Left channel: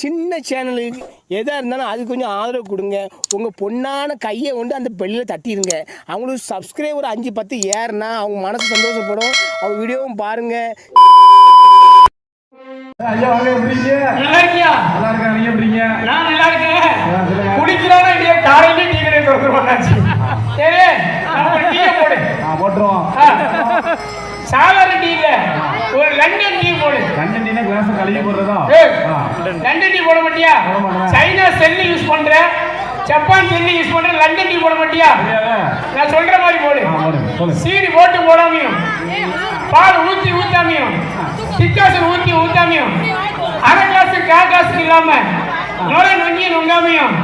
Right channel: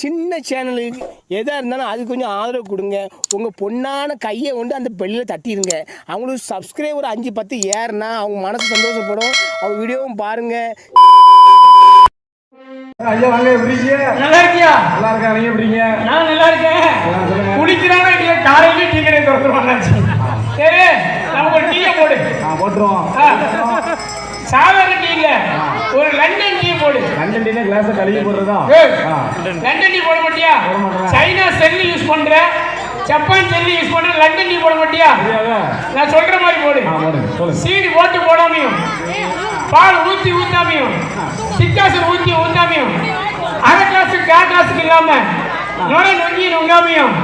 சின்ன சேனலுக்கு எதாக இருந்தாலும் அது கொஞ்சம் ஆதரவு கொடுங்க. உங்கள் பொண்ணான கையை கொண்டு அந்த பெல்லில் தட்டிடுங்க அவங்களுக்கு சப்ஸ்கிரைபர் அஞ்சு பத்து ஏறுனா அவங்க மனசு சந்தோஷப்படும். அவங்க வீடியோவும் பாருங்கள் டீ. சாதாரண டீ ஒரு லண்டன் டீ போடு. லண்டன் டீனே கிளாஸ் கழுவி ஆ. லண்டன் டீ போட மாட்டியா. சைனா செல்லு யூஸ் பண்ற. ஜப்பான் செல்லு யூஸ் பண்ற. லண்டன் டீ போட மாட்டியா? இல்ல, நான் சொல்ற மாதிரி போடு. சீனி போட்டு போடாமையும். பால் ஊத்தி ஊத்தாமையும். டிக்காசு ஊத்தி ஊத்தாமையும். அரை கிளாஸ் கால் கிளாஸ் இல்லாம நுழை நொங்கி நொங்காமையும்.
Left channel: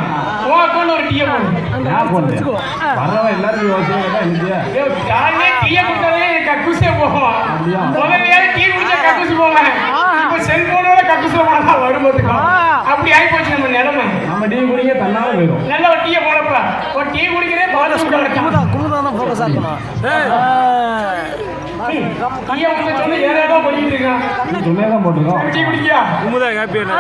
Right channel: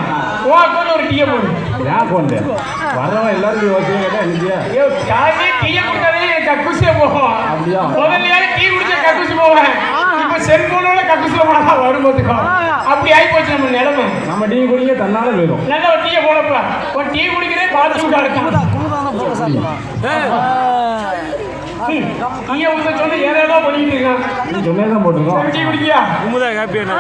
ஒரு டீயை போடு. பரவாயில்ல டீயை போகும் அப்படியா? முதல்ல டீ குடிச்சா கக்கூசு போவேன் இப்ப செல்போனோட கக்கூசு போனா வரும்போதுக்கும் அப்படி ஆகி போச்சு நம்ம நிலைமை நம்ம டீ குடிக்க தன்னால போயிடும் நல்ல ஒரு டீயை போடப்பா ஒரு டீ குடிக்கிறே பால் சூடா இருக்கு டீயை வந்து சொல்லி ஏறா பண்ணிட்டு இருக்கான் சொன்னே தான் போட்டுருக்கோம் டீ குடிக்கியா குமுதா ஹாப்பி என்ன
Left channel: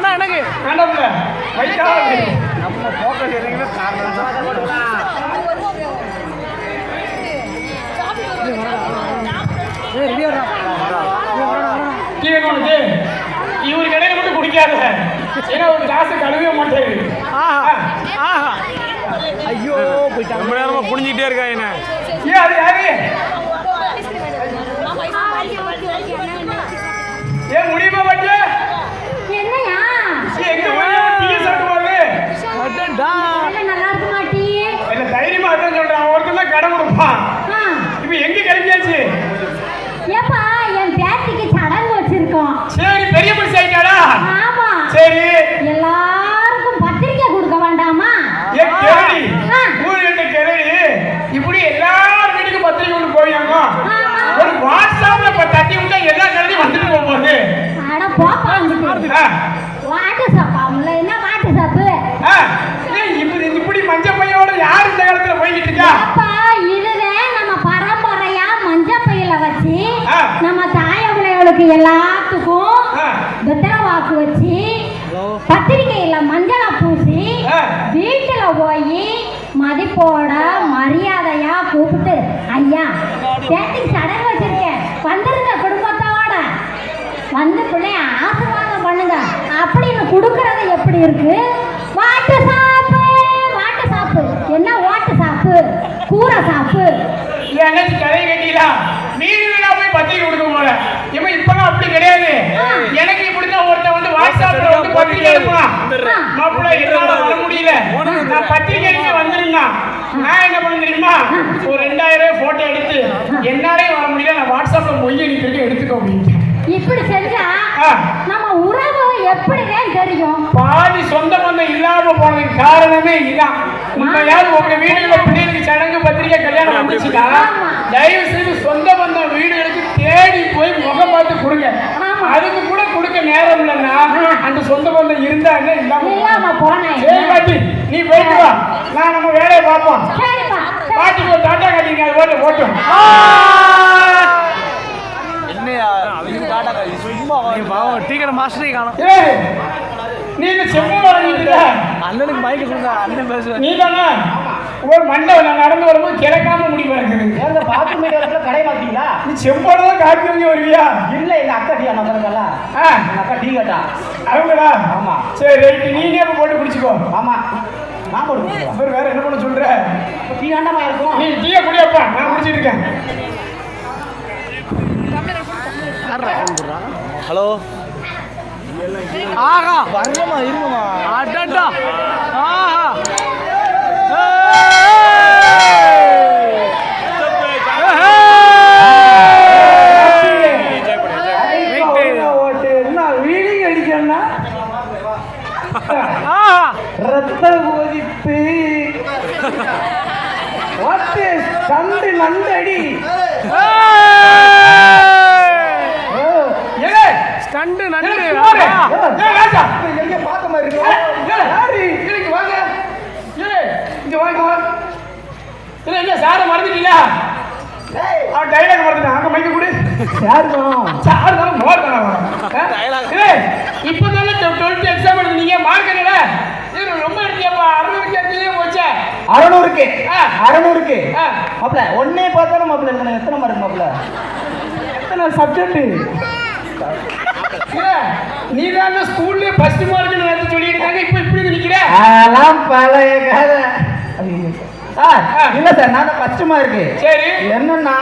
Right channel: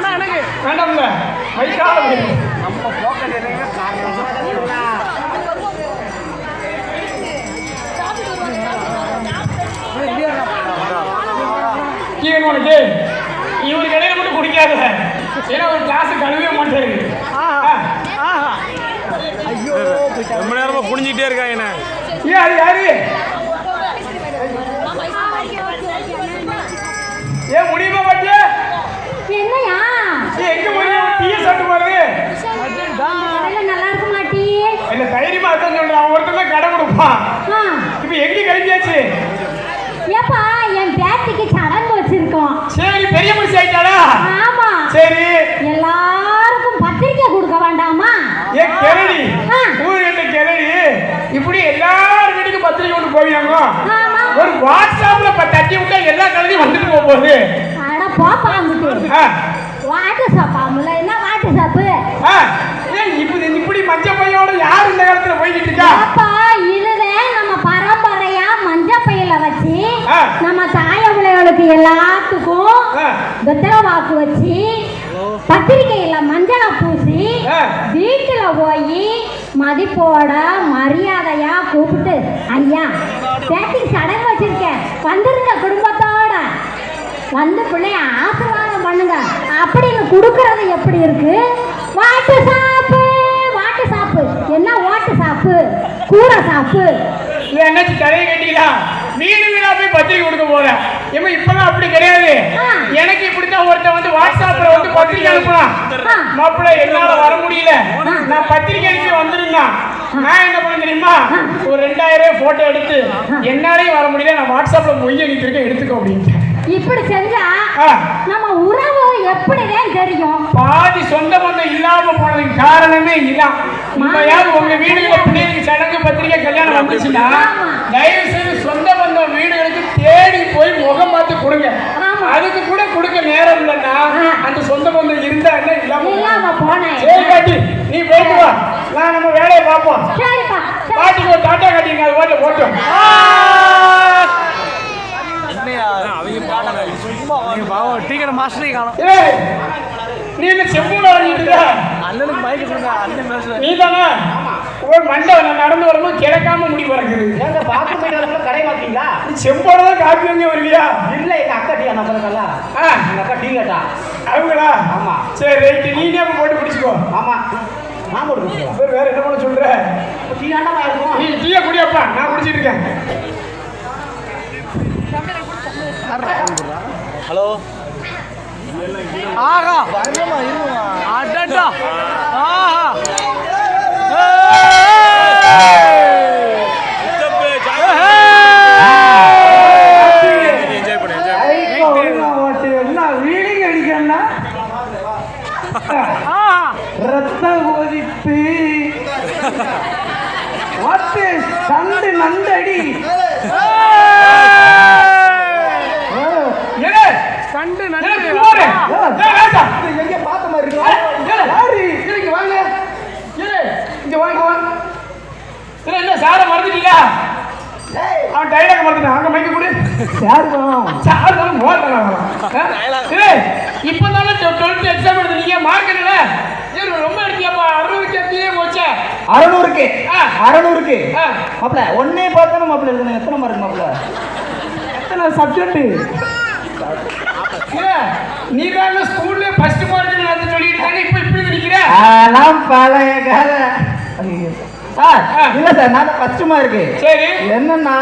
மட்டும் குடிக்காத ஏன்னா ஒரு கழுவே மாட்டேங்குது ரொம்ப நேரமா குனிஞ்சிக்கிட்டே இருக்கா என்ன. மதிப்போட மரியாதையா கூப்பிட்டு ஐயா பேத்திக்கு சடங்கு வச்சிருக்கேன். வந்திருந்த குடும்பத்தோட வந்து பிள்ளைய ஆசீர்வாதம் பண்ணுங்க. அப்படின்னு கொடுக்கறது எப்படி இருக்கு? வாட்டு சாப்பு வாட்டு சாப்பு. என்ன வாட்டு சாப்பு? கூரை சாப்பு. என்னாச்சு கரையை கட்டிக்கலாம் வீடு வீடா போய் பத்திரிக்கை கொடுக்க போல ஏமா இப்பெல்லாம் அப்படி கிடையாது. எனக்கு இப்படித்தான் ஒருத்தன் வந்து வாட்ஸ்அப்ல வந்து பத்திரிக்கை. மாப்பிள்ளை என்னால வர முடியல. நான் நான் என்ன பண்ண தெரியுமா? ஒரு ரெண்டாயிரம் ரூபாய் போட்டோ எடுத்து என்னாலே வர முடியல நான் வாட்ஸ்அப்ல மொய் அனுப்பியிருக்கேன் எடுத்துக்கோ அப்படின்ட்டு. இப்படி செஞ்சா. நம்ம உறவு எப்படிதான் தெரியும்? பாதி சொந்த பந்தம் இல்லாம போனதுக்கு காரணமே யாரும் உங்க வீடுகளை பிள்ளைகளுக்கு சடங்கு பத்திரிகை கல்யாணம் அப்படி, அப்படி. வந்துச்சுன்னா ஆமா. தயவு செய்து சொந்த பந்தம் வீடுகளுக்கு தேடி போய் முகம் பார்த்து கொடுங்க. அதுக்கு கூட கொடுக்க நேரம் இல்லைன்னா அந்த சொந்த பந்தம் இருந்தா என்ன இல்லாம போனேன் சரி பாட்டி நீ போயிட்டு வா. நம்ம வேலையை பார்ப்போம். பாட்டிக்கு ஒரு டாட்டா கட்டிங்க அது போட்டு போட்டோம். நீ பாவம் டீ கடை மாஸ்டரே காணும். ஏய், நீ இந்த செம்பு வாங்கிட்டு அண்ணனுக்கு மைக்கு சொல்லுங்க அண்ணன் பேசுறேன் நீ தானே? ஒரு மண்டை நான் நடந்து வரும்போது கிடக்காம முடி பார்க்குது கடை மாட்டீங்களா? நீ செம்போட தான் காப்பி வாங்கி வருவியா? இல்ல அக்கா டீ அக்கா டீ கேட்டா? அவங்களா? ஆமா. சரி ரைட்டு. நீனே அப்ப போட்டு குடிச்சுக்கோ ஆமா நான் கொடுக்குறேன் அப்புறம் வேற என்ன பண்ண சொல்ற டீ ஆண்டா இருக்கும் நீ டீயை குடிச்சிட்டு இருக்கேன் ஆஹா. அடடா. ஆஹா. ரத்த இப்பதான் டுவெல்த் எக்ஸாம் எழுதுனீங்க மார்க் என்ன ரொம்ப எடுத்தீங்கப்பா அறுநூறுக்கு எடுத்தீங்க மச்சான் அறுநூறுக்கு அறுநூறுக்கு மாப்பிள ஒன்னே பார்த்தா மாப்பிள எழுதுன எத்தனை மார்க் மாப்பிள எத்தனை சப்ஜெக்ட் நீ வேற ஸ்கூல்ல ஃபர்ஸ்ட் மார்க் நான் சொல்லிட்டாங்க இப்ப இப்படி இருக்கீங்க அதெல்லாம் பழைய கதை இல்ல சார் நான் ஃபர்ஸ்ட் மார்க் சரி என்னன்னா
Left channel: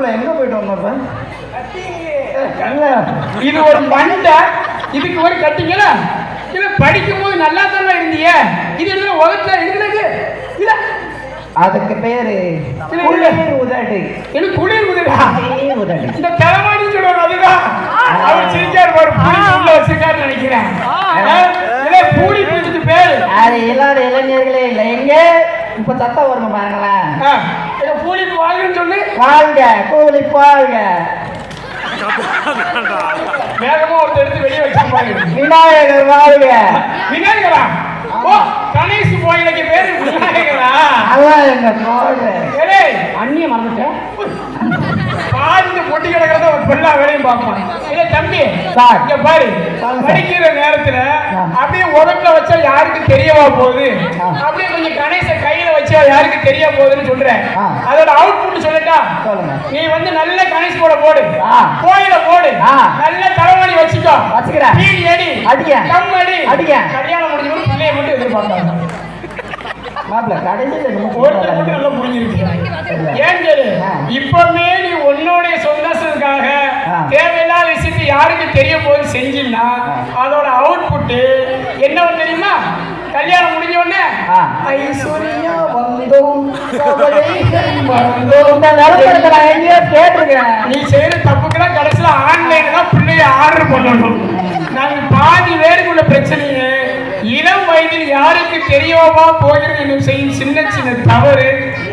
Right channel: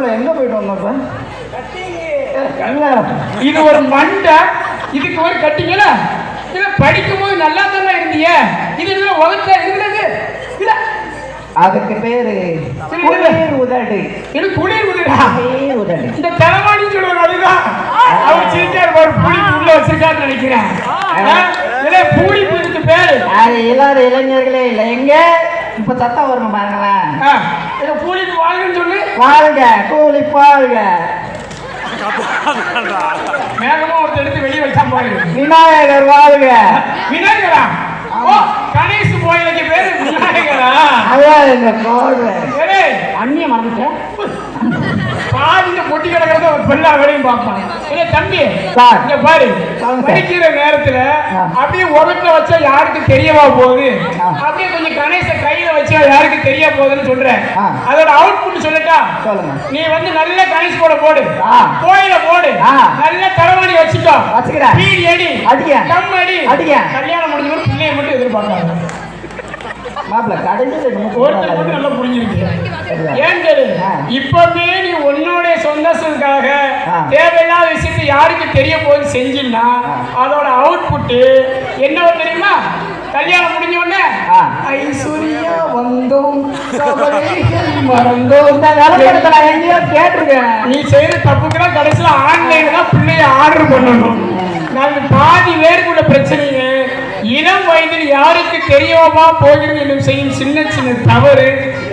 மாப்பிள எங்க போயிட்டு வந்தோம் இது ஒரு மண்டை. இதுக்கு ஒரு கட்டிங்கள? படிக்கும் போது நல்லா தானே இருந்தீங்க? இது என்ன உலகத்துல இருந்தது அதுக்கு பேரு வாழ்க கூலி பாருங்க. வேகமா ஒரு எடுத்து வெளியே வச்சிருப்பாங்க விநாயகர் வாழ்க விநாயகரா ஓ கணேஷ் கோயிலுக்கு பேரு விநாயகரா அதான் என்ன அண்ணிய மறந்துட்ட பாதியில கொட்டி கிடக்கிறத பெண்ணா வேலையும் பார்ப்பான் ஏய் தம்பி. இங்க பாரு. படிக்கிற நேரத்துல அப்படியே உதட்டுல வச்சா யாருக்கு தெரியவா போகுது? அப்படியே கொஞ்சம் கணேச கையில வச்சா யாருக்கு தெரிய போகுதுன்னு சொல்றேன் ஆ. அதோட அவுட்புட் சொல்லட்டா சொல்லுங்க. நீ வந்து நல்ல கணேஷ் கூட போடு ஆ. கோயில போடு ஆ. நல்ல தலைவாணி வச்சுக்கோ வச்சுக்கிறேன். பீடி அடி அடிங்க. கம் அடி அடிங்க. கல்யாணம் முடிஞ்ச கூட பிள்ளைய மட்டும் கடைசியில் நீ ஒருத்தர் மட்டும் நல்லா புரிஞ்சிருக்கு. ஏன் கேளு? இப்பவே நீ உன்னுடைய சந்தோஷத்துக்காக. தேவையில்லாத விஷயத்தை யாருக்கு தெரிய போது செஞ்சீங்கன்னா அதோட அவுட்புட் என்ன தெரியுமா? கல்யாணம் முடிஞ்ச உடனே. ஐஸ்வர்யா வந்தோம். நான் நீ செய்யற தப்புக்கெல்லாம் கடைசியில ஆன்லைன்ல தான் பிள்ளைய ஆர்டர் பண்ணணும். நாங்க வயதில் யாருக்கு தெரியோமா போகிறது என்று செய்யும் சின்ன சின்ன தவறு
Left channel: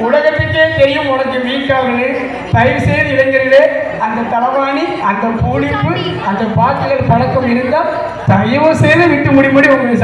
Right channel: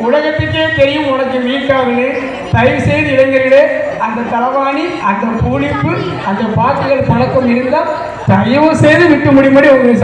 உலகத்துக்கே தெரியும் உனக்கு வீக்காகவே தயவு செய்து இளைஞர்களே அந்த தலவாணி அந்த பூலிப்பு அந்த பாட்டுகள் பழக்கம் இருந்தால் தயவு செய்து விட்டு முடியும்படி உங்களுக்கு